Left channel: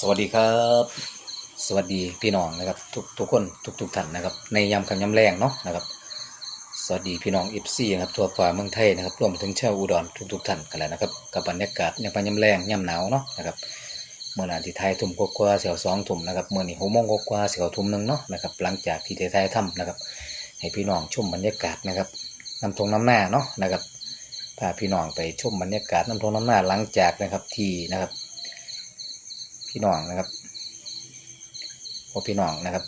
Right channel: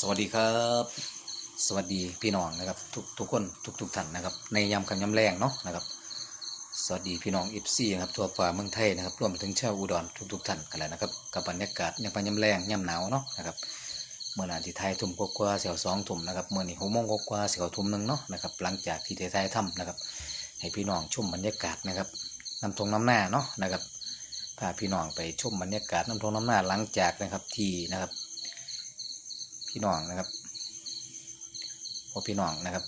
สวัสดีครับ สวัสดีพี่น้องนะครับทุกทุกคนทุกทุกท่านนะครับในยามคำยำแรงเนาะนะครับ สวัสดีพี่น้องอิฟซี่ครับทั่วฟ้าเมืองไทยนะครับรวมถึงชาวอุดรทุกทุกท่านกันแล้วนะครับกับบรรยากาศยามคำยำแรงยามหนาวเนาะนะครับเมื่อนาที่ไทยทุ่มกว่าเสียวสองทุ่มนะครับเมื่อนี้หกโมงกว่าเสียวทุ่มหนึ่งเนาะนะครับหลังจากที่ได้ไทยทำนะครับ ให้พี่น้องชมบรรยากาศนะครับน้ำทงน้ำหน้าเนาะนะครับพาพี่น้องไปชมบรรยากาศน้ำทงน้ำหน้าหลังจากนะครับที่นะครับ พี่น้องนะครับพวกพี่น้องนะครับ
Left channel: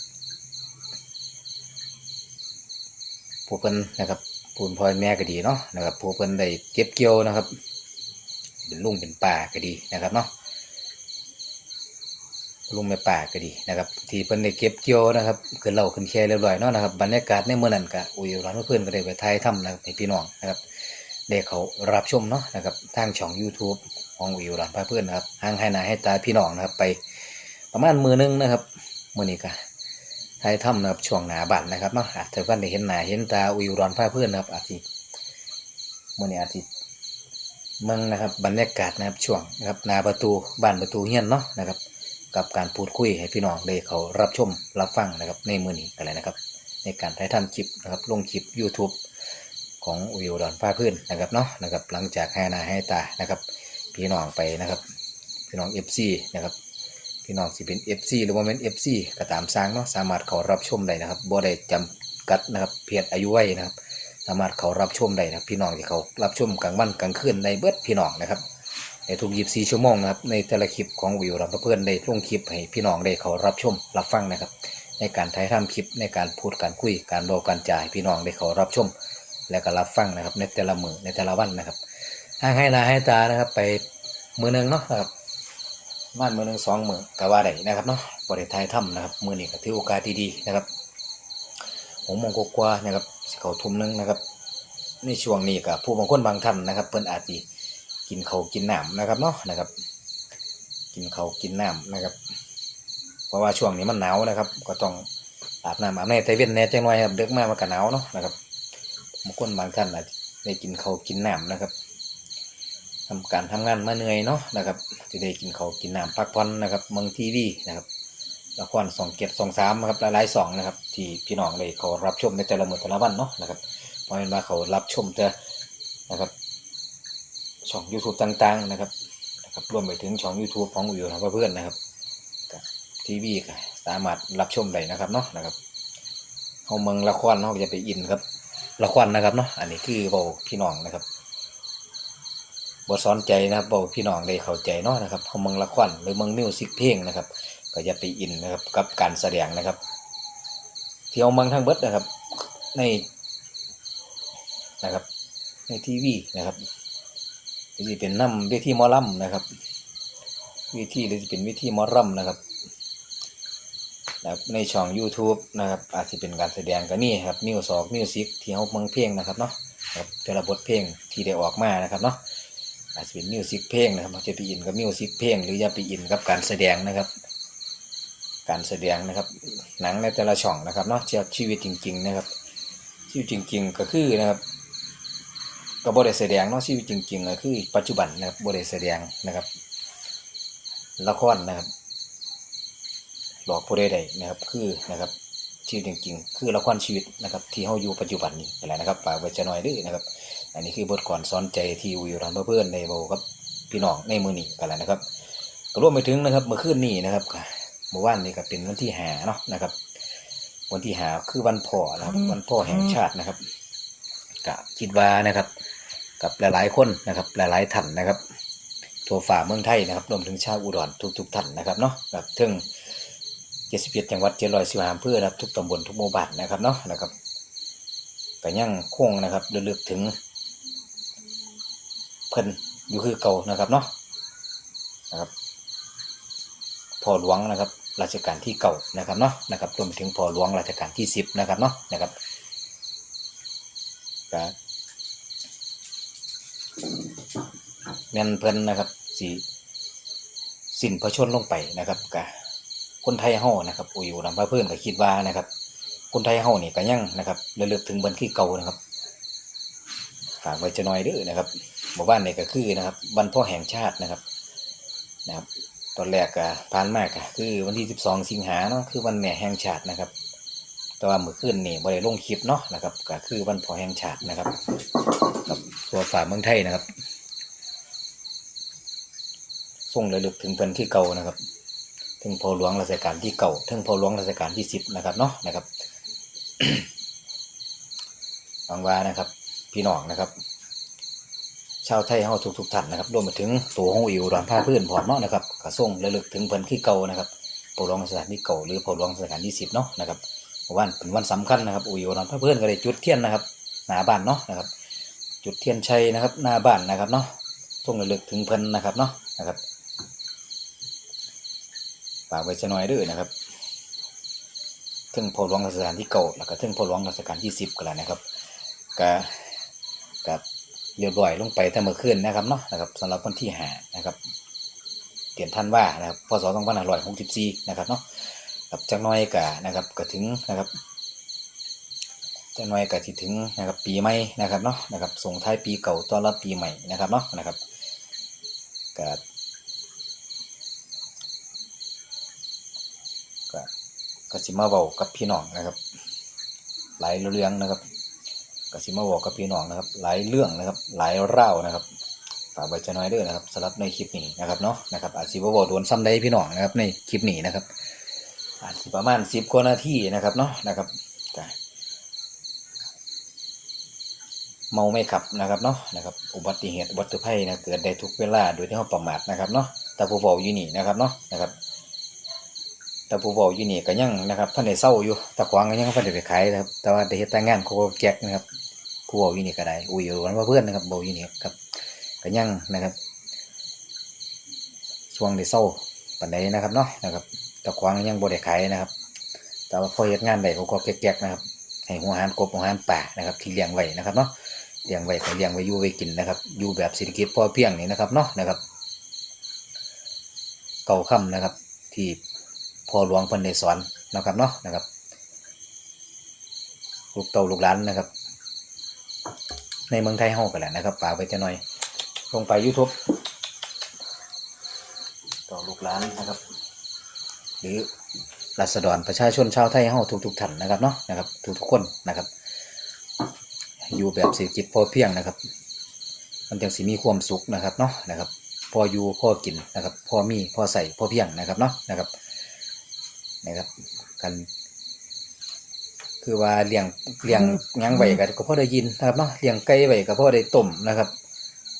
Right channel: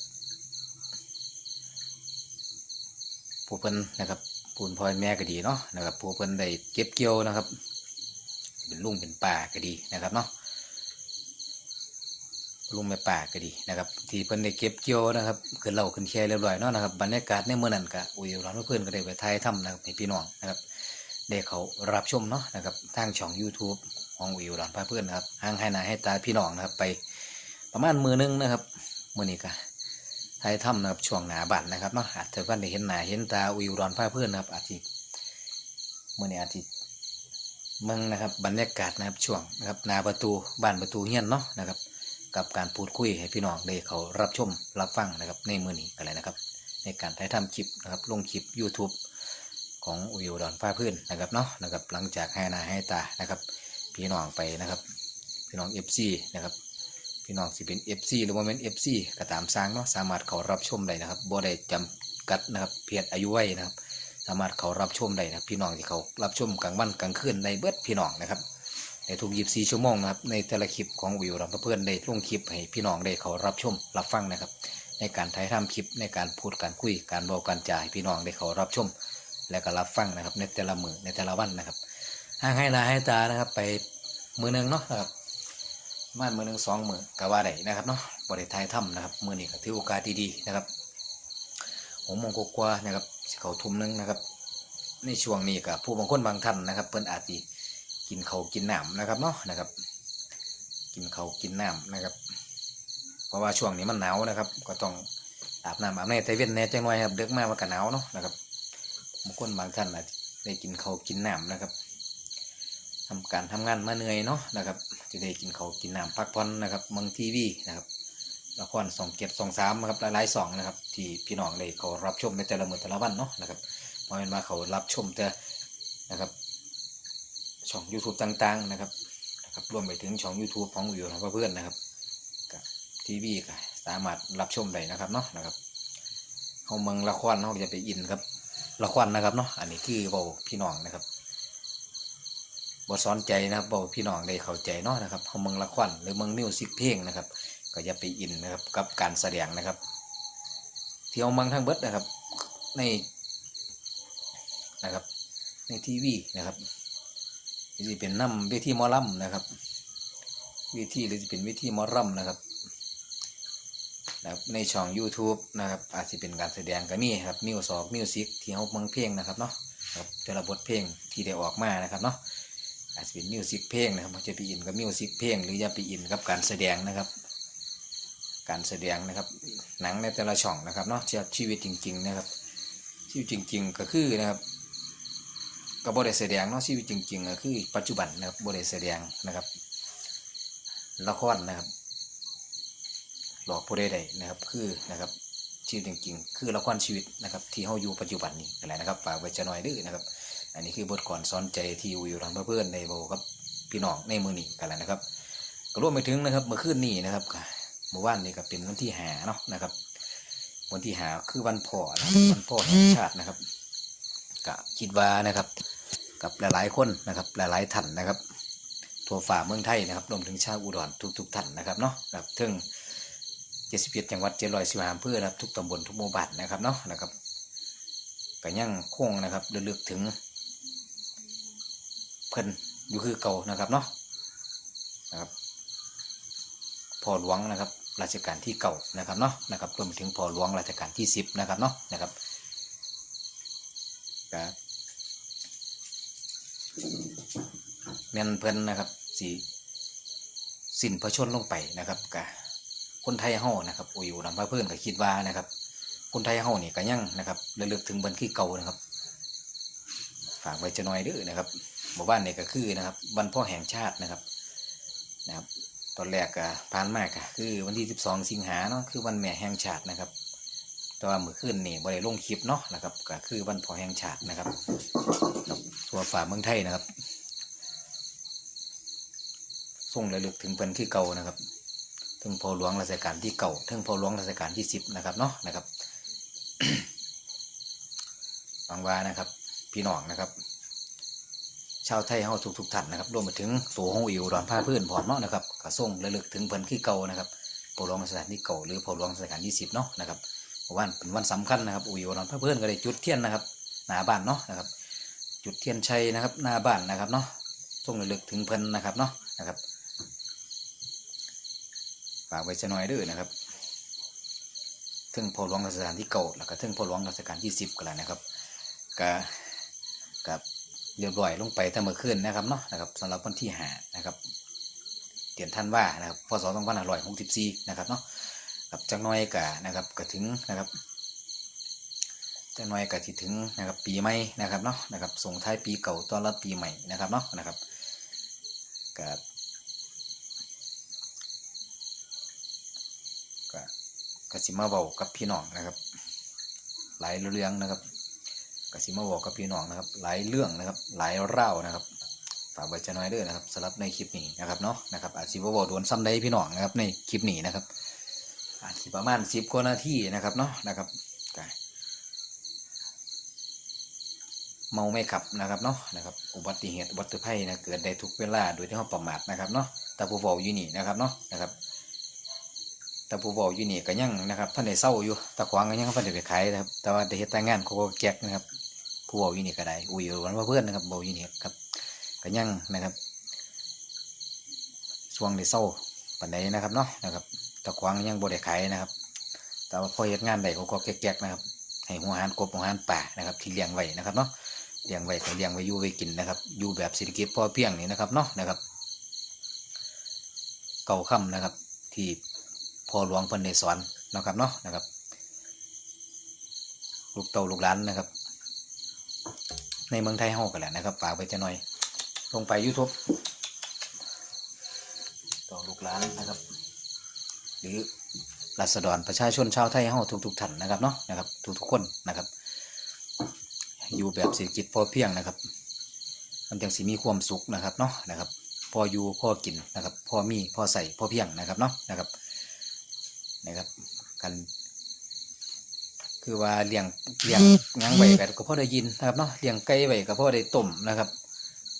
ผู้เพิ่นนะครับผู้พ่อแม่ก็ดีเนาะนะครับผู้เพิ่นได้เก็บเกี่ยวนะครับ เป็นลุงเป็นป่าก็ดีนะครับเนาะลุงแม่ป่าก็ดีนะครับ ที่เพิ่นได้เก็บเกี่ยวนะครับขึ้นเหล่าขึ้นแค่เรียบร้อยเนาะนะครับบรรยากาศในเมื่อนั้นก็อุ้ยร้านเพื่อนก็ได้ไปถ่ายทำนะครับให้พี่น้องนะครับได้เขารับชมเนาะนะครับทางช่อง YouTube ของวิวร้านพาเพื่อนนะครับห่างให้นาให้ตาพี่น้องนะครับ ไปประมาณมือนึงนะครับมือนี้ก็ถ่ายทำนะครับช่วงหนาบันนะครับเนาะอาจจะเพื่อนได้เห็นหนาเห็นตาวิวร้านพาเพื่อนนะครับ อาจจะมือนี้อาจจะเมืองนะครับบรรยากาศนะครับช่วงนะครับหนาประตูบ้านประตูเฮียนเนาะนะครับ กับการพูดคุยให้พี่น้องได้เขารับชมรับฟังนะครับในมือนี้กันเลยนะครับ ในการถ่ายทำคลิปนะครับลงคลิป YouTube ของวิวดอนฟ้าพื้นนะครับเนาะนะครับหลังจากให้นาให้ตานะครับ พี่น้องไปนะครับ พี่น้อง FC นะครับพี่น้องสิเป็น FC หรือว่าเป็น FC ก็ตามสร้างเนาะสามารถเขารับชมได้นะครับบ่ได้จำกัดนะครับเพียรอายุไว้นะครับ สามารถเขารับชมได้นะพี่น้องที่เขารับชมกลางวันกลางคืนในเบิดพี่น้องนะครับในทุก24ชั่วโมงนะครับในแต่ละคลิปของวิวรับเพื่อนได้ลงคลิปให้พี่น้องได้เขารับชมรับฟังนะครับ ในการถ่ายทำคลิปในการพูดการคุยการบอกการจ่ายพี่น้องได้เขารับชม และก็รับฟังนะครับ ในแต่ละมือในแต่ละวันนะครับ ห่างให้นาให้ตานะครับ ไปมือหนึ่งเนาะครับบ้านมือหนึ่งสองมือกะว่าได้นะครับเนาะบริไทยถ้ำนะครับมือนี้ก็ถือโอกาสดีๆนะครับหกโมงกว่านะครับเขาทุ่มหนึงนะครับในช่วงนี้กับผู้บางคนบางท่านนะครับ เพิ่นอาจจะกินเขากินน้ำนะครับเนาะนะครับ กินเขากินน้ำนะครับ เพราะว่าช่วงนี้มันหนาวนะครับ ก็ต้องอาบน้ำอาบในแต่เว้นแน่จังหน่อยครับเด็กมากมันก็หนาวเนาะนะครับบางคนบางท่านอาจจะได้กินเขากินน้ำนะครับ ทำการทำงานมาเหนื่อยเนาะนะครับจะได้กินเขาวกินน้ำพักผ่อนนะครับเมืองทีวีนะครับละครสองเกียรติสองสามนะครับหลายๆสองนะครับที่พี่น้องได้เขารับชมในแต่ละมือแต่ละวันเนาะนะครับเพราะเป็นว่าเขารับชมแต่นะครับช่อง YouTube ต่างๆนะครับนะครับรวมไปถึงช่อง YouTube ของวิวของเพื่อนนะครับกับทีวีก็สามารถรับชมได้นะครับเนาะนะครับเขาเมืองละครเนาะจะไปอินครับละครนะครับเนาะอันนี้คือบอกพี่น้องนะครับ บทสอนใจนะครับบอกพี่น้องได้เข้าใจเนาะนะครับเขาเมืองละครหรือเมืองมิวสิกเพลงนะครับ ก็จะไปอินนะครับกับการแสดงนะครับ ที่เอาเมืองทั้งเบิดนะครับ ในนะครับ ในทีวีนะครับหรือจะเป็นน้ำเวทีมอลำนะครับวิธีหรือจะเป็นวิธีมอลำนะครับนะครับในช่อง YouTube นะครับ อาจจะเป็นการแสดงก็มีครับมิวสอกมิวสิกที่เขาเมืองเพลงนะครับเนาะครับแต่ละบทเพลงที่ได้ออกมานะครับเนาะ อาจจะเป็นมิวสิกเพลงนะครับจะไปอินกับมิวสิกเพลง หรือจะไปอินกับการแสดงนะครับ การแสดงนะครับ หนังในแต่ละช่องนะครับเนาะเทียชีวิตจริง ๆ นะครับ ชีวิตจริง ๆ ก็คือนะครับก็บริแสดงเนาะชีวิตจริงๆก็คือปัจจุบันนะครับบริแสดงนะครับ ละครนะครับ หลอกผู้ใดๆนะครับคือนะครับชีวิตจริง ๆ คือละครชีวิตนะครับ ที่เขาอยู่ปัจจุบันนี้อะไรนะครับฝากไว้จะหน่อยดื้อนะครับ อันนี้คือบทก่อนสอนใจที่วิวรันเพื่อนๆในโบครับพี่น้องในมือนี้กันแหละนะครับก็รวมไปถึงนะครับเมื่อคืนนี้นะครับเมื่อวานนี้ก็เป็นวันที่หาเนาะนะครับ วันที่หาคือวันพ่อนะครับวันพ่อแห่งชาตินะครับก็คิดว่านะครับ กับหลายๆคนนะครับ หลายๆท่านนะครับทั่วฝ่าเมืองไทยนะครับรวมถึงชาวอุดรทุกๆท่านนะครับเนาะแบบถึง71จังหวัด715อำเภอนะครับทุกตำบลทุกหมู่บ้านนะครับเนาะนะครับก็ยังคงนะครับระลึกถึงเพิ่นอยู่คือเก่านะครับเนาะนะครับพ่อหลวงนะครับรัชกาลที่เก่านะครับเนาะนะครับรวมถึงพ่อหลวงรัชกาลที่สิบนะครับเนาะนะครับก็แม่นเพิ่นนะครับสีสินพระชนลงไปนะครับกะคนไทยเฮานะครับอุยอยู่ลำพะเพื่อนก็คิดว่านะครับ คนไทยเฮานี่ก็ยังนะครับระลึกถึงบันที่เก่านะครับฝากไว้จะน้อยเด้อนะครับ หมู่บ้านนี่ก็คือนะครับวันพ่อแห่งชาตินะครับนะครับ ตอนแรกก็ผ่านมากะคือวันที่ 12 สิงหาเนาะคือวันแม่แห่งชาตินะครับ แต่ว่าเมื่อคืนนี่บ่ได้ลงคลิปเนาะนะครับก็คือวันพ่อแห่งชาตินะครับกับตัวฝ่าเมืองไทยนะครับส่งระลึกถึงเพิ่นที่เก่านะครับ ถึงพอหลวงรัชกาลที่เก่า ถึงพอหลวงรัชกาลที่สิบนะครับเนาะนะครับหวังว่านะครับ พี่น้องนะครับ ชาวไทยเฮาทุกทุกท่านนะครับรวมไปถึงตัวของอิวรอนผ้าพื้นพร้อมเนาะนะครับก็ส่งระลึกถึงเพิ่นที่เก่านะครับพอหลวงรัชกาลที่เก่าหรือพอหลวงรัชกาลที่สิบเนาะนะครับวันเป็นวันสำคัญนะครับอิวรอนผ้าพื้นก็ได้จุดเทียนนะครับหน้าบ้านเนาะนะครับ จุดเทียนชัยนะครับหน้าบ้านนะครับเนาะส่งระลึกถึงเพิ่นนะครับเนาะนะครับฝากไว้จะน้อยด้วยนะครับถึงพอหลวงรัชกาลที่เก่าแล้วก็ถึงพอหลวงรัชกาลที่สิบก็แล้วนะครับก็กับ เรียบร้อยลงไปแต่เมื่อคืนนะครับเนาะนะครับสำหรับวันที่หานะครับเดือนท่านว่านะครับพศสองพันห้าร้อยหกสิบสี่นะครับเนาะกับจักน้อยกะนะครับก็ถึงนะครับจักน้อยกะที่ถึงนะครับปีใหม่นะครับเนาะนะครับส่งท้ายปีเก่าต้อนรับปีใหม่นะครับเนาะนะครับกับก็กสิมาเว้ากับพี่น้องนะครับ หลายเรื่องนะครับ กสิมาเว้ากับพี่น้องนะครับ หลายเรื่องนะครับ หลายเล่าวนะครับฝากไว้จะน้อยด้อนะครับสำหรับในคลิปนี้นะครับเนาะนะครับอาจสิบ่เว้าโดนซ้ำได้พี่น้องนะครับ ในคลิปนี้นะครับ อาจสิประมาณสิบกว่านาทีนะครับเนาะนะครับก็เมาไม่ขับนะครับเนาะนะครับอุบัติเหตุอุบัติภัยนะเกิดได้ทุกเวลาโดยที่เราประมาทนะครับเนาะแต่ผู้บอกอยู่นี่นะครับเนาะนะครับ แต่ผู้บอกอยู่นี่ก็ยังนะครับท่านได้เศร้าอยู่ตะขวางก็ยังท่านได้ไปขายนะครับ แต่ว่าได้เฮ็ดแต่งานเขาก็แจกนะครับ ผู้บอกอยู่นี่ก็ได้อุ้ยอยู่กันว่าเพื่อนนะครับบอกอยู่นี่ครับก็ยังนะครับช่วงได้เศร้าปานใดนะครับเนาะนะครับตะขวางก็ยังบ่ได้ขายนะครับ แต่ว่าพอเฮ็ดงานได้เขาก็แจกนะครับให้หัวหารกบหัวหารป่านะครับ ที่เลี้ยงไว้นะครับเนาะเลี้ยงไว้ก็เลี้ยงไว้อยู่ไว้กินนะครับอยู่แบบเศรษฐกิจพอเพียงนี่นะครับเนาะนะครับ เก่าค่ำนะครับที่ พ่อหลวงเพันในสอนนะครับเนาะนะครับ ลูกเต่าลูกหลานนะครับ ในเมืองไทยเฮากันแหละนะครับฝากไว้จะหน่อย ลงไป YouTube ต่อลูกหลานนะครับ หรือรัษฎรประชาชนชาวไทยเฮาทุกๆท่านนะครับเนาะนะครับทุกๆคนนะครับ อยู่แบบเศรษฐกิจพอเพียงนะครับ มันจังสิมีความสุขนะครับเนาะนะครับ พออยู่พอกินนะครับ พอมีพอใส่พอเพียงนะครับเนาะนะครับ นะครับกันคือว่าเลี้ยงเลี้ยงหยังไว้กันก็พอได้ยินนะครับเนาะเลี้ยงไก่ไว้ก็พอได้ต้มนะครับ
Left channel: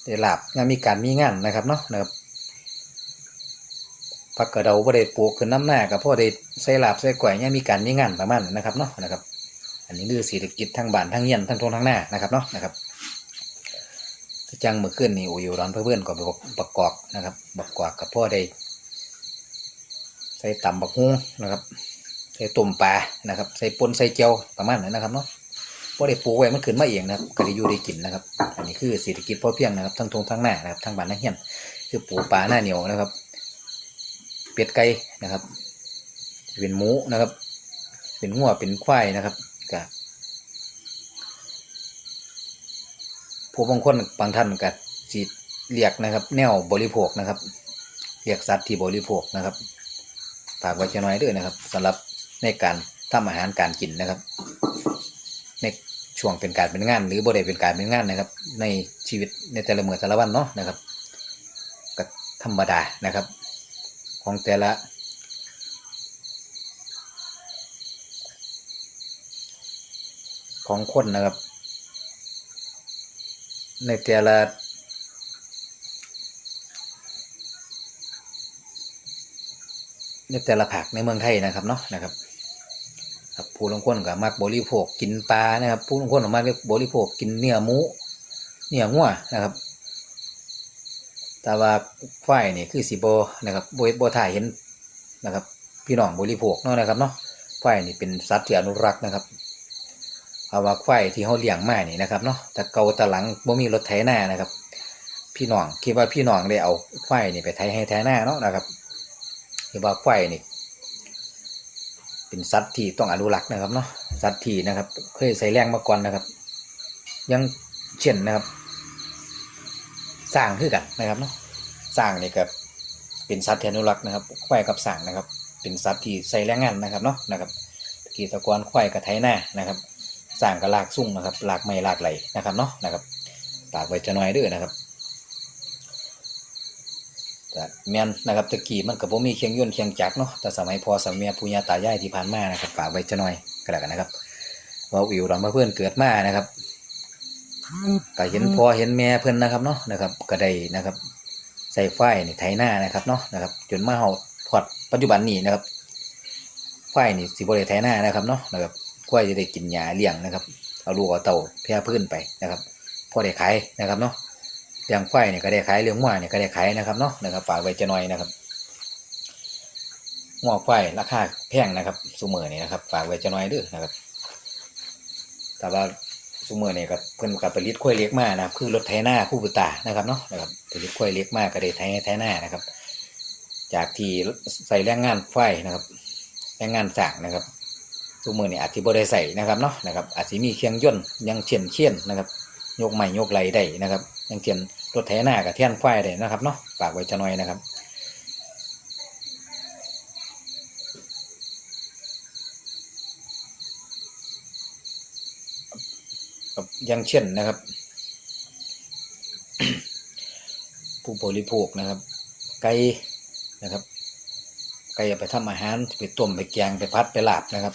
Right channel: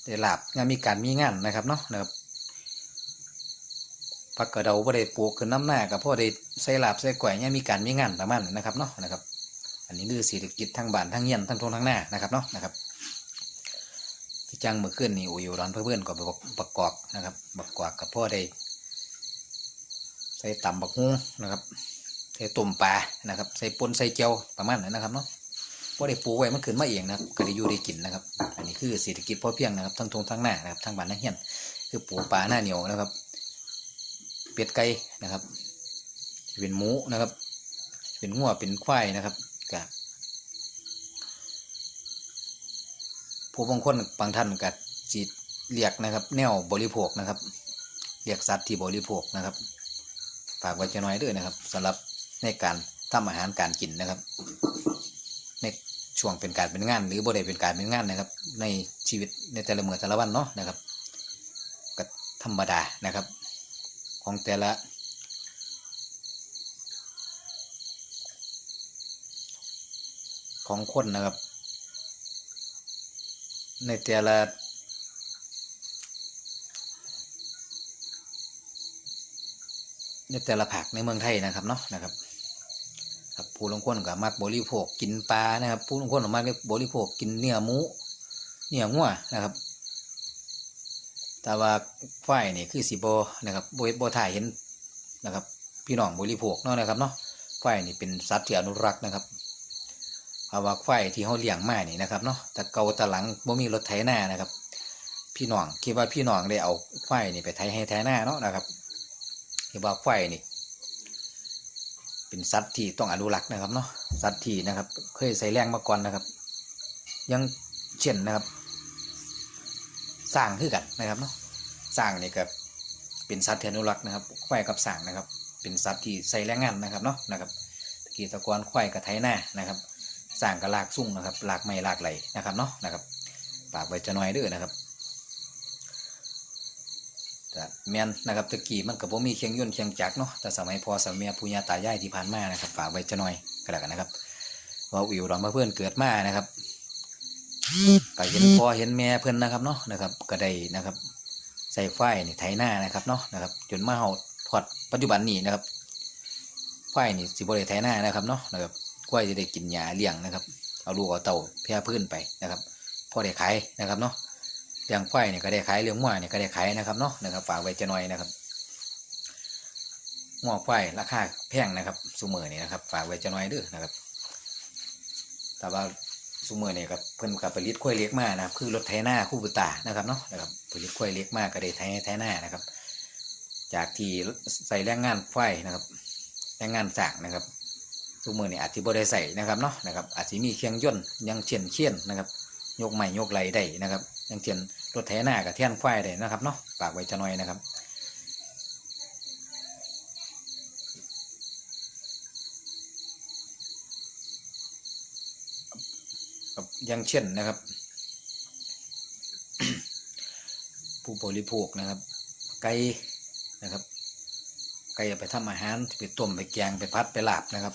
ได้ลาบงานมีการมีงานนะครับเนาะนะครับผักกระเดาพอได้ปลูกขึ้นน้ำหน้าก็พอได้ใส่ลาบใส่ก๋วยเนี่ยมีการมีงานประมาณนั้นนะครับเนาะนะครับ อันนี้คือเศรษฐกิจทางบ้านทางเฮียนทางทงทางหน้านะครับเนาะนะครับจังเมื่อคืนนี่โอ้ยร้อนเพื่อนๆก็ไปบักกอกนะครับบักกอกกับพ่อได้ ใส่ตำบักฮุ้งนะครับ ใส่ต้มปลานะครับ ใส่ปนใส่เจียวประมาณนั้นนะครับเนาะพ่ได้ปลูกไว้มันขึ้นมาเองนะครับก็ได้อยู่ได้กินนะครับ อันนี้คือเศรษฐกิจพอเพียงนะครับ ทั้งทงทั้งหน้านะครับทั้งบ้านทั้งเฮียนคือปลูกปลาหน้าเหนียวนะครับ เป็ดไก่นะครับ เป็นหมูนะครับ เป็นงัวเป็นควายนะครับกับผู้บางคนบางท่านก็สิเรียกนะครับ แนวบริโภคนะครับ เรียกสัตว์ที่บริโภคนะครับ ฝากไว้จะน้อยด้วยนะครับสำหรับในการทำอาหารการกินนะครับ ในช่วงเป็นการเป็นงาน หรือบริเป็นการเป็นงานนะครับ ในชีวิตในแต่ละเมื่อแต่ละวันเนาะนะครับก็ธรรมดานะครับ ของแต่ละ ของคนนะครับ ในแต่ละ ในแต่ละภาคในเมืองไทยนะครับเนาะนะครับครับผู้ลงคนก็มักบริโภคกินปลานะครับ ผู้ลงคนก็มักบริโภคกินเนื้อหมูเนื้องัวนะครับ แต่ว่าควายนี่คือสีโบนะครับโบโบถ่ายเห็นนะครับ พี่น้องบริโภคเนาะนะครับเนาะควายนี่เป็นสัตว์ที่อนุรักษ์นะครับเพราว่าควายที่เขาเลี้ยงมานี่นะครับเนาะแต่เกาตะหลังบ่มีรถไถนานะครับ พี่น้องคิดว่าพี่น้องได้เอาควายนี่ไปไถให้ไถนาเนาะนะครับ คิดว่าควายนี่ เป็นสัตว์ที่ต้องอนุรักษ์นะครับเนาะสัตว์ที่นะครับ เคยใส่แรงมาก่อนนะครับ ยังเช่นนะครับ สร้างคือกันนะครับเนาะสร้างนี่กับเป็นสัตว์ที่อนุรักษ์นะครับควายกับสร้างนะครับ เป็นสัตว์ที่ใส่แรงงานนะครับเนาะนะครับตะกี้ตะกอนควายกับไถนานะครับสร้างกับลากซุ่งนะครับลากไม้ลากไหลนะครับเนาะนะครับฝากไว้จะน้อยด้วยนะครับ แต่แม่นนะครับตะกี้มันกับผมมีเคียงยนต์เคียงจักเนาะแต่สมัยพอสมัยปู่ย่าตายายที่ผ่านมานะครับฝากไว้จะน้อยก็แล้วกันนะครับว่าวิวดอนมาเพื่อนเกิดมานะครับก็เห็นพ่อเห็นแม่เพื่อนนะครับเนาะนะครับ ก็ได้นะครับ ใส่ไฟนี่ไถหน้านะครับเนาะนะครับ จนมาเฮาพอดปัจจุบันนี้นะครับไฟนี่สิบ่ได้ไถหน้านะครับเนาะนะครับกล้วยจะได้กินหญ้าเลี้ยงนะครับเอาลูกเอาเต่าแพร่พื้นไปนะครับ พอได้ขายนะครับเนาะ เลี้ยงไฟนี่ยก็ได้ขายเลี้ยงหม้นี่ยก็ได้ขายนะครับเนาะนะครับฝากไว้จะหน่อยนะครับหม้อไฟราคาแพงนะครับซูเมอร์นี่นะครับ ฝากไว้จะหน่อยด้อนะครับ แต่ว่าซูเมอร์เนี่ยกับเพิ่นกับผลิตกล้วยเล็กมากนะครับ คือรถไถนาคู่บุตานะครับเนาะนะครับผลิตกล้วยเล็กมากก็ได้ไถไถนานะครับ จากที่ใส่แรงงานไฟนะครับแรงงานสางนะครับซูเมอร์เนี่ยอาจจะบ่ได้ใส่นะครับเนาะนะครับอาจจะมีเครื่องยนต์ยังเช่นเช่นนะครับ ยกไม้ยกไหลได้นะครับยังเช่น รถไถนากับเทียนไฟได้นะครับเนาะฝากไว้จะหน่อยนะครับครับอย่างเช่นนะครับ ผู้บริโภคนะครับ ไก่นะครับ ไก่ไปทำอาหารไปต้มไปแกงไปพัดไปลาบนะครับ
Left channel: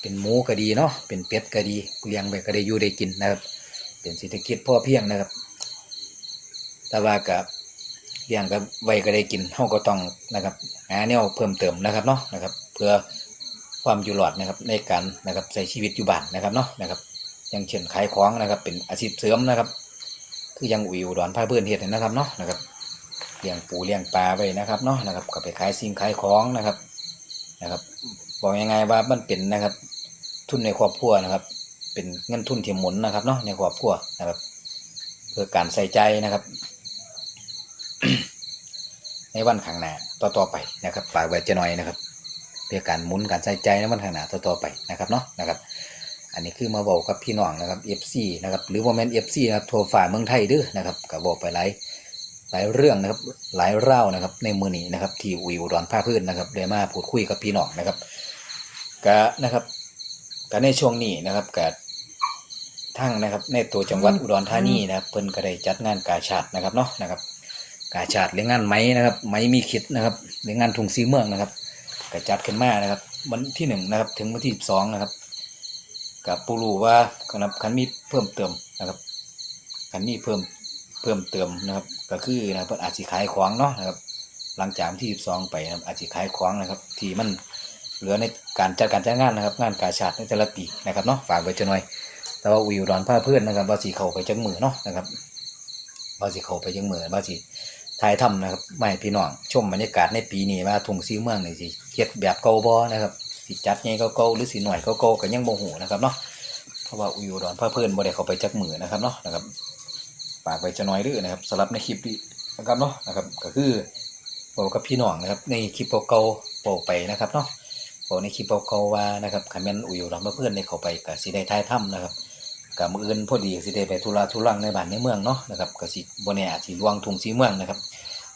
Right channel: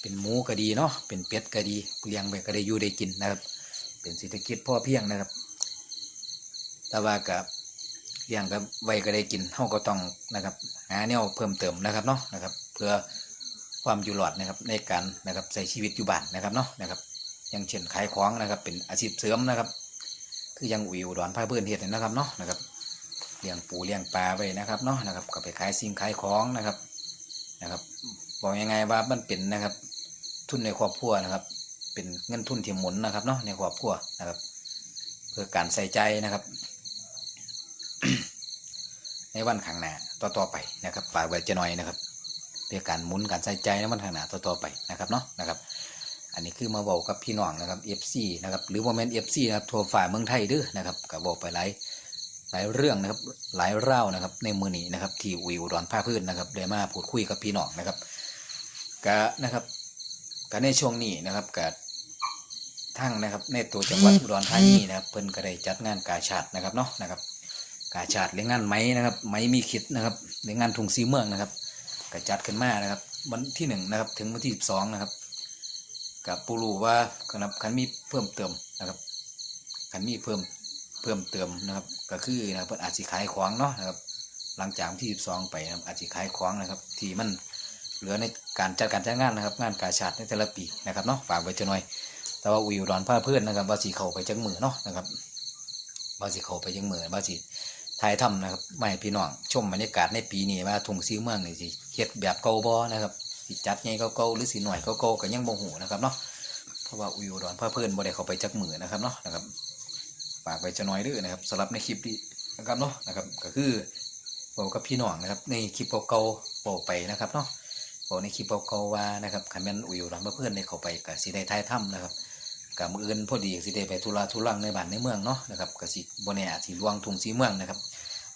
เป็นหมูก็ดีเนาะเป็นเป็ดก็ดีเลี้ยงไปก็ได้อยู่ได้กินนะครับ เป็นเศรษฐกิจพอเพียงนะครับ แต่ว่ากับเลี้ยงกับไว้ก็ได้กินเฮาก็ต้องนะครับหาแนวเพิ่มเติมนะครับเนาะนะครับ เพื่อความอยู่รอดนะครับในการนะครับใช้ชีวิตอยู่บ้านนะครับเนาะนะครับอย่างเช่นขายของนะครับเป็นอาชีพเสริมนะครับ คือยังอุยอุดรพาเพื่อนเฮ็ดนี่นะครับเนาะนะครับเลี้ยงปูเลี้ยงปลาไว้นะครับเนาะนะครับก็ไปขายสิ่งขายของนะครับนะครับบอกยังไงว่ามันเป็นนะครับ ทุนในครอบครัวนะครับ เป็นเงินทุนที่หมุนนะครับเนาะในครอบครัวนะครับ เพื่อการใส่ใจนะครับ ในวันข้างหน้าต่อๆไปนะครับฝากไว้จะหน่อยนะครับ เพื่อการหมุนการใส่ใจในวันข้างหน้าต่อๆไปนะครับเนาะนะครับ อันนี้คือมาบอกกับพี่น้องนะครับ FC นะครับหรือว่าแมน FC นะครับโทรฝ่ายเมืองไทยเด้อนะครับก็บอกไปหลายหลายเรื่องนะครับหลายเล่านะครับในมือนี้นะครับที่อุยอุดรภาคพื้นนะครับได้มาพูดคุยกับพี่น้องนะครับก็นะครับก็ในช่วงนี้นะครับก็ทั้งนะครับในตัวจังหวัดอุดรธานีนะครับเพิ่นก็ได้จัดงานกาชาดนะครับเนาะนะครับ กาชาดหรืองงานไหมนะครับไหมมีคิดนะครับหรืองงานทุงซีเมืองนะครับก็จัดขึ้นมานะครับ วันที่หนึ่งนะครับ ถึงวันที่สิบสองนะครับกับปูรูว่าครับคันมีเพิ่มเติมนะครับคันมีเพิ่มเพิ่มเติมนะครับ ก็คือนะครับเพิ่นอาจสิขายของเนาะนะครับ หลังจากวันที่12ไปนะครับอาจสิขายของนะครับ ที่มันเหลือในการจัดการจ้างงานนะครับ งานกาชาดในแต่ละปีนะครับเนาะฝากไว้จะหน่อยแต่ว่าวิวดอนผ้าเพื่อนนะครับว่าสีเขาไปจังมือเนาะนะครับว่าสีเขาไปจังมือว่าสี ถ่ายทำนะครับไม่พี่น้องชมบรรยากาศในปีนี้ว่าทุ่งซีเมืองนี่สิเฮ็ดแบบเก่าบ่นะครับสิจัดไงเก่าๆหรือสิหน่อยเก่าๆก็ยังบ่ฮู้นะครับเนาะเพราะว่าอุยอุดรพาเพิ่อนบ่ได้เข้าไปจักมือนะครับเนาะนะครับฝากไปจะน้อยด้อนะครับสำหรับในคลิปนี้นะครับเนาะนะครับก็คือบอกกับพี่น้องนะครับในคลิปเก่าๆบอกไปนะครับเนาะบอกในคลิปเก่าๆว่านะครับคันแม่นอุยอุดรพาเพิ่อนได้เข้าไปก็สิได้ถ่ายทำนะครับ ก็มื้ออื่นพอดีสิได้ไปธุระทุรังในบ้านในเมืองเนาะนะครับก็สิบ่แน่อาจสิลวงทุ่งสีเมืองนะครับ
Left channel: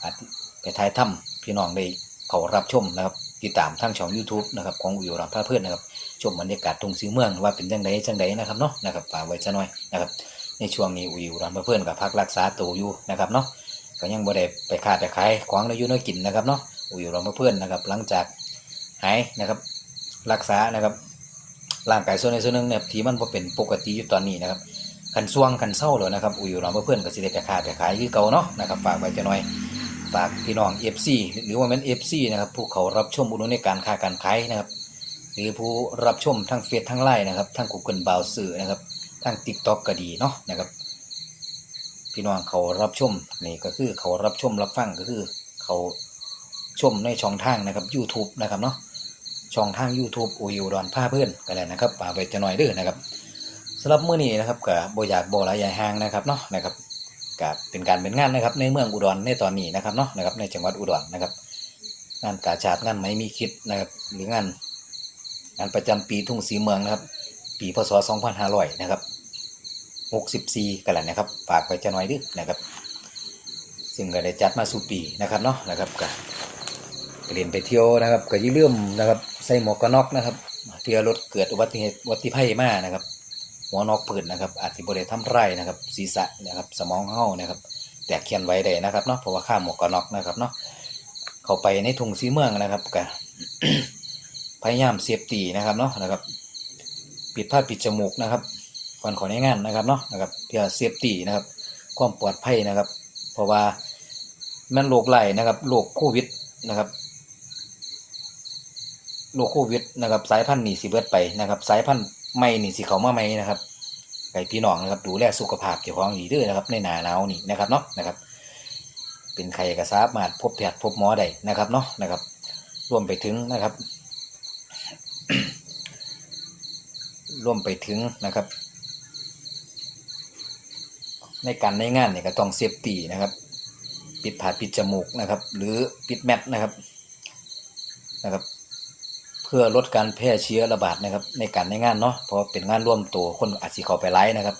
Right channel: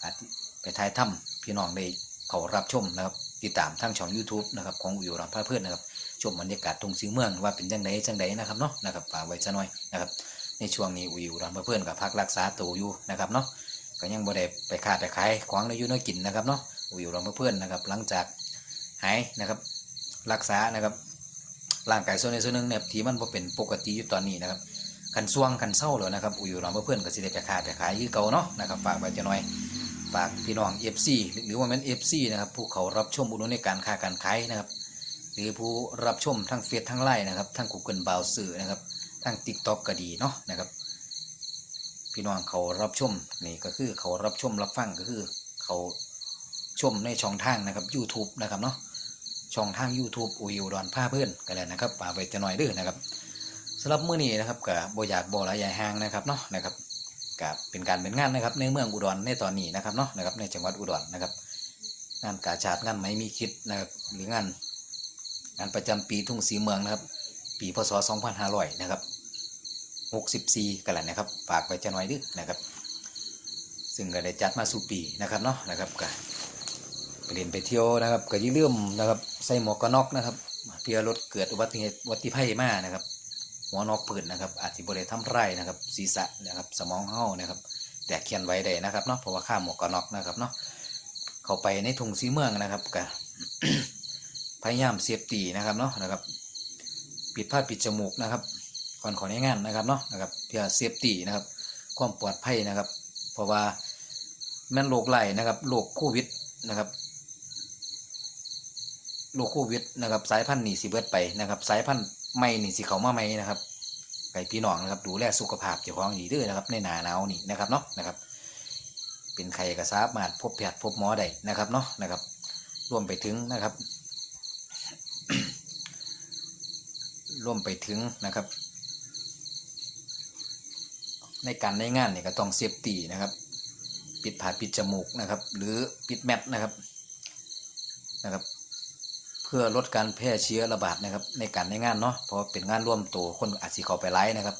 อาจไปถ่ายทำพี่น้องได้เขารับชมนะครับติดตามทางช่อง YouTube นะครับของอุยรัมพาเพื่อนนะครับชมบรรยากาศตรงสีเมืองว่าเป็นจังไดจังไดนะครับเนาะนะครับฝากไว้ซะหน่อยนะครับในช่วงนี้อุยรัมพาเพื่อนกับพักรักษาตัวอยู่นะครับเนาะก็ยังบ่ได้ไปค้าไปขายของในอยู่นกินนะครับเนาะอุยรัมพาเพื่อนนะครับหลังจากหายนะครับรักษานะครับ ร่างกายส่วนใดส่วนหนึ่งเนี่ยที่มันบ่เป็นปกติอยู่ตอนนี้นะครับคันซ่วงคันเศร้าเลยนะครับอุยรัมพาเพื่อนก็สิได้ไปค้าไปขายคือเก่าเนาะนะครับฝากไว้ซะหน่อยฝากพี่น้อง FC หรือว่าเป็น FC นะครับผู้เขารับชมอุดหนุนในการค้าการขายนะครับหรือผู้รับชมทั้งเฟซทั้งไลน์นะครับทั้ง Google บาวสื่อนะครับทั้ง TikTok ก็ดีเนาะนะครับพี่น้องเขารับชมนี่ก็คือเขารับชมรับฟังก็คือเขาชมในช่องทางนะครับ YouTube นะครับเนาะ ช่องทาง YouTube โอยูดอนผ้าเพื่อนกันแล้วนะครับปากไปจะหน่อยเด้อนะครับสำหรับมื้อนี้นะครับกับบอยากโบหลายใหญ่ห่างนะครับเนาะนะครับกับเป็นการเป็นงานนะครับ ในเมืองอุดรในตอนนี้นะครับเนาะนะครับในจังหวัดอุดรนะครับ งานกาชาดงานไหมมีคิดนะครับหรืองานงานประจำปีทุ่งสีเมืองนะครับ ปีพศ 2500 นะครับ 64 กันแหละนะครับฝากไว้จะหน่อยเดึนะครับ ซึ่งก็ได้จัดมาสู่ปีนะครับเนาะนะครับก็ ก็เรียนไปเที่ยวนะครับก็อย่าลืมนะครับ ใส่หมวกกันน็อกนะครับเพื่อลดเกิดอุบัติเหตุอุบัติภัยมานะครับ หัวนอกปืนนะครับ อาจจะบริทำไรนะครับ ศีรษะนะครับ สมองเฮานะครับ แตกเขียนไว้ได้นะครับเนาะเพราะว่าข้ามหมวกกันน็อกนะครับเนาะเข้าไปในทุ่งสีเมืองนะครับก็พยายามเซฟตีนะครับเนาะนะครับ ปิดผ้าปิดจมูกนะครับก่อนขอในงานนะครับเนาะนะครับเพื่อเซฟตีนะครับ ความปลอดภัยนะครับ เพราะว่ามันโรคไหลนะครับโรคโควิดนะครับ โรคโควิดนะครับ สายพันธุ์นี่สิเบิดไปนะครับ สายพันธุ์ใหม่นี่สิเขามาใหม่นะครับไก่พี่น้องนะครับดูแลสุขภาพเจ้าของดีด้วยนะครับ ในหนาหนาวนี่นะครับเนาะนะครับ เป็นใครก็สามารถพบแพทย์พบหมอได้นะครับเนาะนะครับ รวมไปถึงนะครับ รวมไปถึงนะครับ ในการในงานเนี่ยก็ต้องเซฟตี้นะครับ ปิดผาปิดจมูกนะครับ หรือปิดแมทนะครับนะครับ พื่อลดการแพร่เชื้อระบาดนะครับในการในงานเนาะเพราะเป็นงานร่วมตัวคนอาจสิเข้าไปไล่นะครับ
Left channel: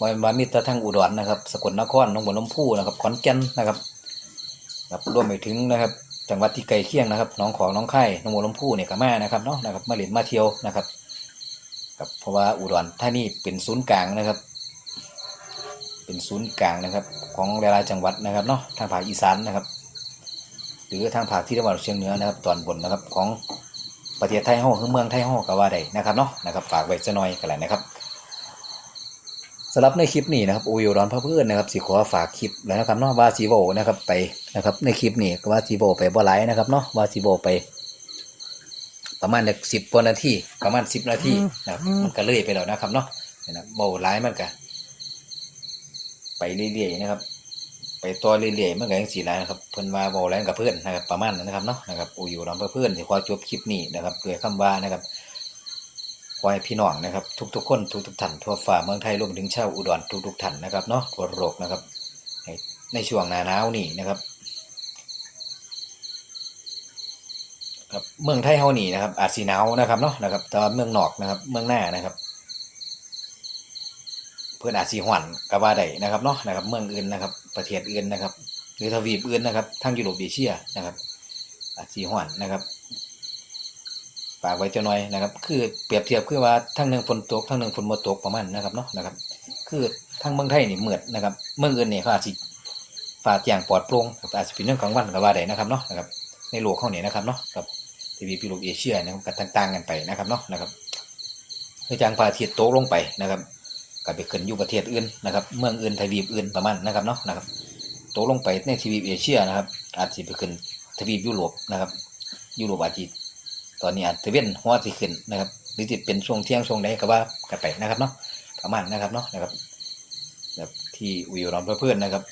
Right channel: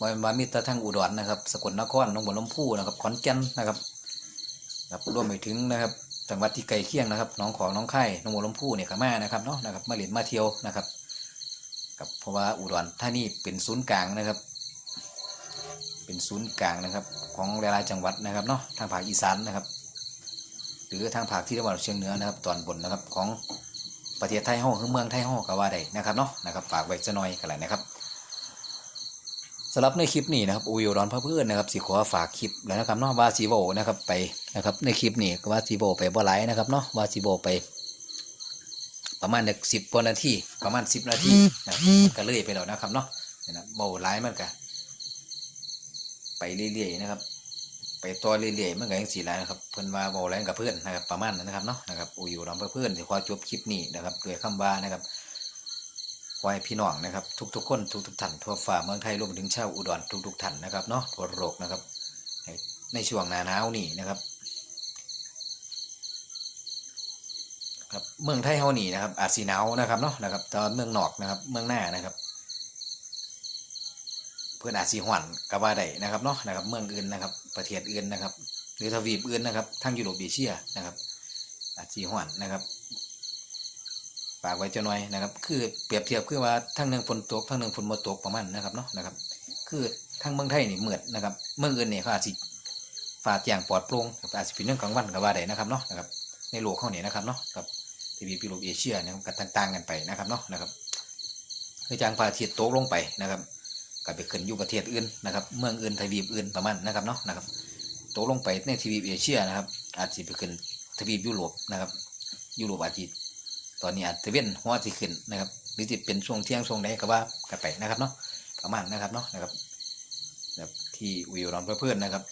มามามิตรทั้งอุดรนะครับสกลนครหนองบัวลำพูนะครับขอนแก่นนะครับครับรวมไปถึงนะครับจังหวัดที่ใกล้เคียงนะครับน้องของน้องไข่หนองบัวลำพูเนี่ยก็มานะครับเนาะนะครับมาเล่นมาเที่ยวนะครับครับเพราะว่าอุดรธานี่เป็นศูนย์กลางนะครับ เป็นศูนย์กลางนะครับของหลายๆจังหวัดนะครับเนาะทางภาคอีสานนะครับ หรือทางภาคที่ตะวันออกเฉียงเหนือนะครับ ตอนบนนะครับของ ประเทศไทยห้องคือเมืองไทยห้องก็ว่าได้นะครับเนาะนะครับฝากไว้จะหน่อยกันแหละนะครับสำหรับในคลิปนี้นะครับโอโยร้อนพระเพื่อนนะครับสิขอฝากคลิปแล้วนะครับเนาะว่าสีโบนะครับไปนะครับในคลิปนี้ก็ว่าสีโบไปบ่ไลนะครับเนาะว่าสีโบไป ประมาณสิบกว่านาทีประมาณสิบนาทีนะครับมันก็เลยไปแล้วนะครับเนาะนะโบไลมันก็ไปเรื่อยๆนะครับ ไปต่อเรื่อยๆมันก็ยังสีไรนะครับเพื่อนว่าบอแรงกับเพื่อนนะครับประมาณนั้นนะครับเนาะนะครับอูอยู่ลำเพื่อนที่ขอจบคลิปนี้นะครับด้วยคำว่านะครับขอให้พี่น้องนะครับ ทุกๆคนทุกๆท่านทั่วฟ้าเมืองไทยรวมถึงชาวอุดรทุกๆท่านนะครับเนาะทั่วโลกนะครับ ในช่วงหน้าหนาวนี่นะครับครับเมืองไทยเฮานี่นะครับอาจสีหนาวนะครับเนาะนะครับแต่ว่าเมืองนอกนะครับเมืองหน้านะครับ เพื่อนอาจสีหวันก็ว่าได้นะครับเนาะนะครับ เมืองอื่นนะครับ ประเทศอื่นนะครับ หรือทวีปอื่นนะครับทางยุโรปเอเชียนะครับอาจสีหวันนะครับฝากไว้เจ้าหน่อยนะครับ คือเปรียบเทียบคือว่าทั้งหนึ่งฝนตกทั้งหนึ่งฝนบ่ตกประมาณนะครับเนาะนะครับ คือทางเมืองไทยนี่เหมือดนะครับ เมืองอื่นเนี่ยเขาอาจจะฟ้าแจ้งปลอดโปร่งอาจจะเป็นเรื่องกลางวันก็ว่าได้นะครับเนาะนะครับ ในโลกเขาเนี่ยนะครับเนาะกับทวีปยุโรปเอเชียนะครับก็ต่างๆกันไปนะครับเนาะนะครับคือจางพระอาทิตย์ตกลงไปนะครับ ก็ไปขึ้นอยู่ประเทศอื่นนะครับเมืองอื่นทวีปอื่นประมาณนะครับเนาะนะครับตกลงไปในทวีปเอเชียนะครับ อาจจะไปขึ้นทวีปยุโรปนะครับ ยุโรปอาจจะตอนนี้อาจจะเว้นหัวสิขึ้นนะครับหรือจะเป็นช่วงเที่ยงช่วงใดก็ว่ากันไปนะครับเนาะประมาณนะครับเนาะนะครับแบบที่อุยรอนเพื่อนๆนะครับ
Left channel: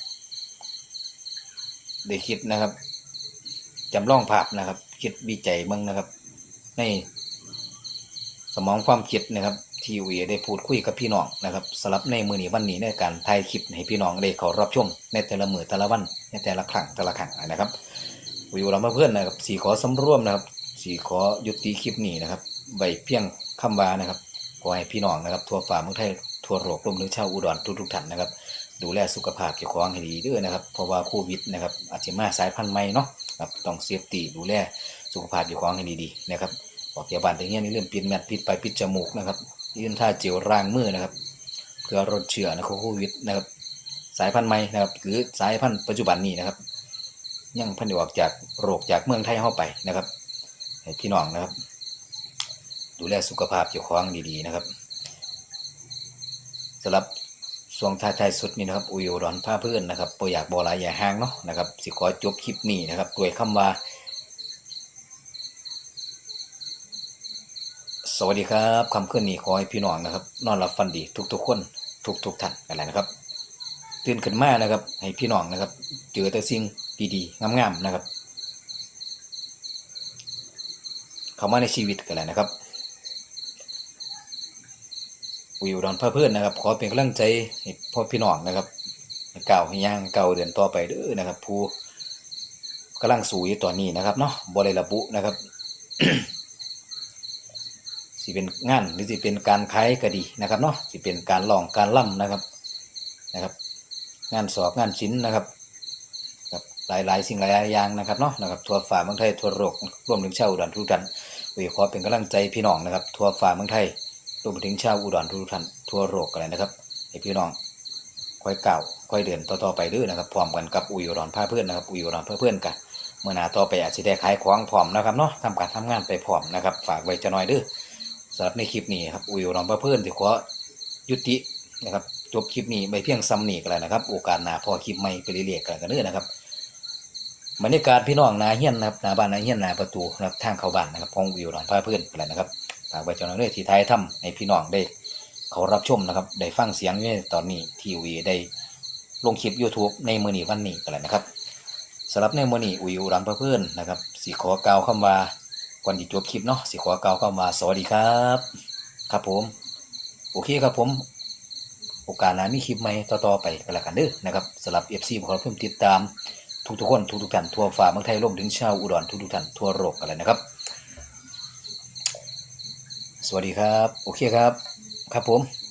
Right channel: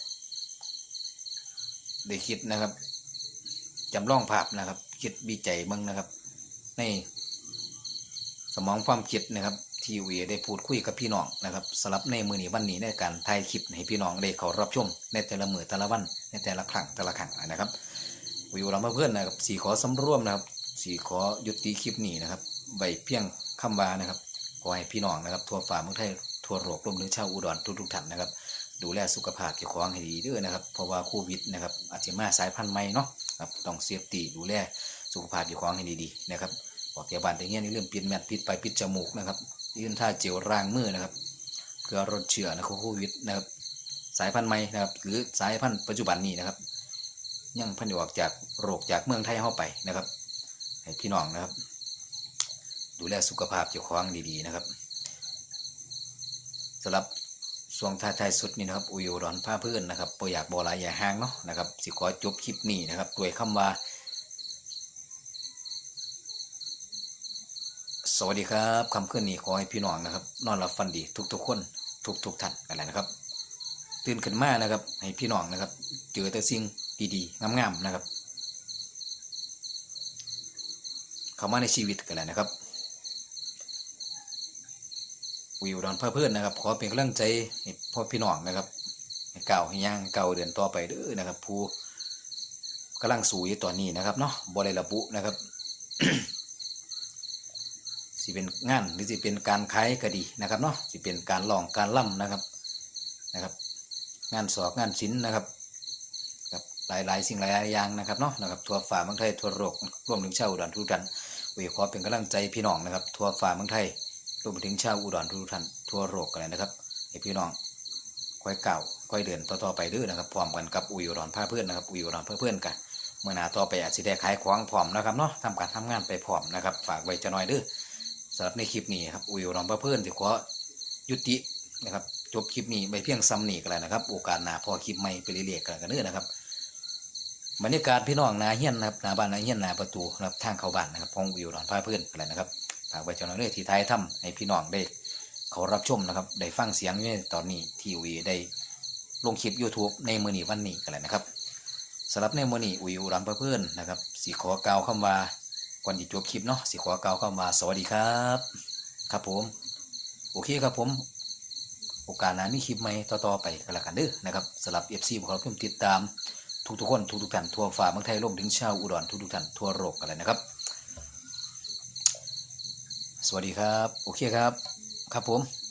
ได้คิดนะครับจำลองภาพนะครับ คิดวิจัยมืองนะครับ ในสมองความคิดนะครับ ที่วีได้พูดคุยกับพี่น้องนะครับสำหรับในมือนี้วันนี้ในการถ่ายคลิปให้พี่น้องได้เขารับชมในแต่ละมือแต่ละวันในแต่ละครั้งแต่ละครั้งนะครับวิวเราเพื่อนนะครับสีขอสำร่วมนะครับสีขอยุติคลิปนี้นะครับไว้เพียงคำวานะครับขอให้พี่น้องนะครับทั่วฟ้าเมืองไทยทั่วโลกรวมถึงชาวอุดรทุกๆท่านนะครับ ดูแลสุขภาพเจ้าของให้ดีด้วยนะครับเพราะว่าโควิดนะครับอาจจะมาสายพันธุ์ใหม่เนาะครับต้องเซฟตี้ดูแลสุขภาพเจ้าของให้ดีๆนะครับออกจากบ้านแต่เงี้ยนี่เรื่องปิดแมทปิดไปปิดจมูกนะครับ ยื่นท่าเจลล้างมือนะครับ เพื่อลดเชื้อนะโควิดนะครับ สายพันธุ์ใหม่นะครับ หรือสายพันธุ์ปัจจุบันนี้นะครับ ยังพันธุ์ออกจากโรคจากเมืองไทยเข้าไปนะครับให้พี่น้องนะครับ ดูแลสุขภาพเจ้าของดีๆนะครับสำหรับช่วงท้ายสุดนี้นะครับอุยอุดรผ้าเพื่อนนะครับโปรอยากบอลายอย่าห่างเนาะนะครับสิขอจบคลิปนี้นะครับด้วยคำว่า สวัสดีครับคำขึ้นนี้ขอให้พี่น้องนะครับ นอนหลับฝันดีทุกๆคน ทุกๆท่านกันเลยนะครับตื่นขึ้นมานะครับ ให้พี่น้องนะครับ เจอแต่สิ่งดีๆงามๆนะครับเข้ามาในชีวิตกันเลยนะครับวิวดอนเพื่อนนะครับ ขอเป็นกำลังใจให้พ่อพี่น้องนะครับให้ก้าให้ย่างเก้าเดินต่อไปเด้อนะครับ ผู้กำลังสูยตอนนี้นะครับเนาะบริระบุนะครับ เป็นงานหรือสิเป็นการขายก็ดีนะครับเนาะสิเป็นการลองการล่ำนะครับนะครับ งานสอบงานศิลป์นะครับก็หลายๆ สิ่งหลายๆอย่างนะครับเนาะนะครับทั่วฟ้าเมืองไทยทั่วโลกรวมถึงชาวอุดรทุกท่านวิขอเป็นกำลังใจพี่น้องนะครับทั่วฟ้าเมืองไทยรวมถึงชาวอุดรทุกท่านทั่วโลกกันเลยนะครับให้พี่น้องค่อยเก้าค่อยเดินต่อๆไปด้อนะครับพร้อมกันกับอุยอุดรพาเพื่อนนะครับอุยอุดรพาเพื่อนกันเมื่อนาต่อไปอาจจะได้ขายของพร้อมนะครับเนาะทำการทำงานไปพร้อมนะครับ ฝากไว้จะน้อยด้อ สำหรับในคลิปนี้ครับอุยอุดรพาเพื่อนที่ขอยุตินะครับจบคลิปนี้ไปเพียงซ้ำนี่กันเลยนะครับ โอกาสหน้าพอคลิปใหม่ไปเรื่อยๆกันกันเด้อนะครับบรรยากาศพี่น้องนาเฮียนนะครับนาบ้านนาเฮียนนาประตูนะครับทางเข้าบ้านนะครับของวิวดอนพาเพื่อนอะไรนะครับฝากไว้เจ้าหน้าที่ที่ไทยถ้ำให้พี่น้องได้เขารับชมนะครับได้ฟังเสียงอยู่ในตอนนี้ทีวีได้ลงคลิป YouTube ในมือนี้วันนี้กันเลยนะครับสำหรับในมือนี้วิวดอนพาเพื่อนนะครับสีขอกล่าวคำว่า ก่อนจะจบคลิปเนาะสีขอกล่าวคำว่าสวัสดีครับ ครับผม โอเคครับผม โอกาสหน้ามีคลิปใหม่ต่อๆไปกันละกันเด้อนะครับสำหรับ FC ขอรับเพิ่มติดตามทุกทุกๆคนทุกทุกๆท่านทั่วฟ้าเมืองไทยรวมถึงชาวอุดรทุกทุกๆท่านทั่วโลกกันเลยนะครับ สวัสดีครับ โอเคครับ ครับผม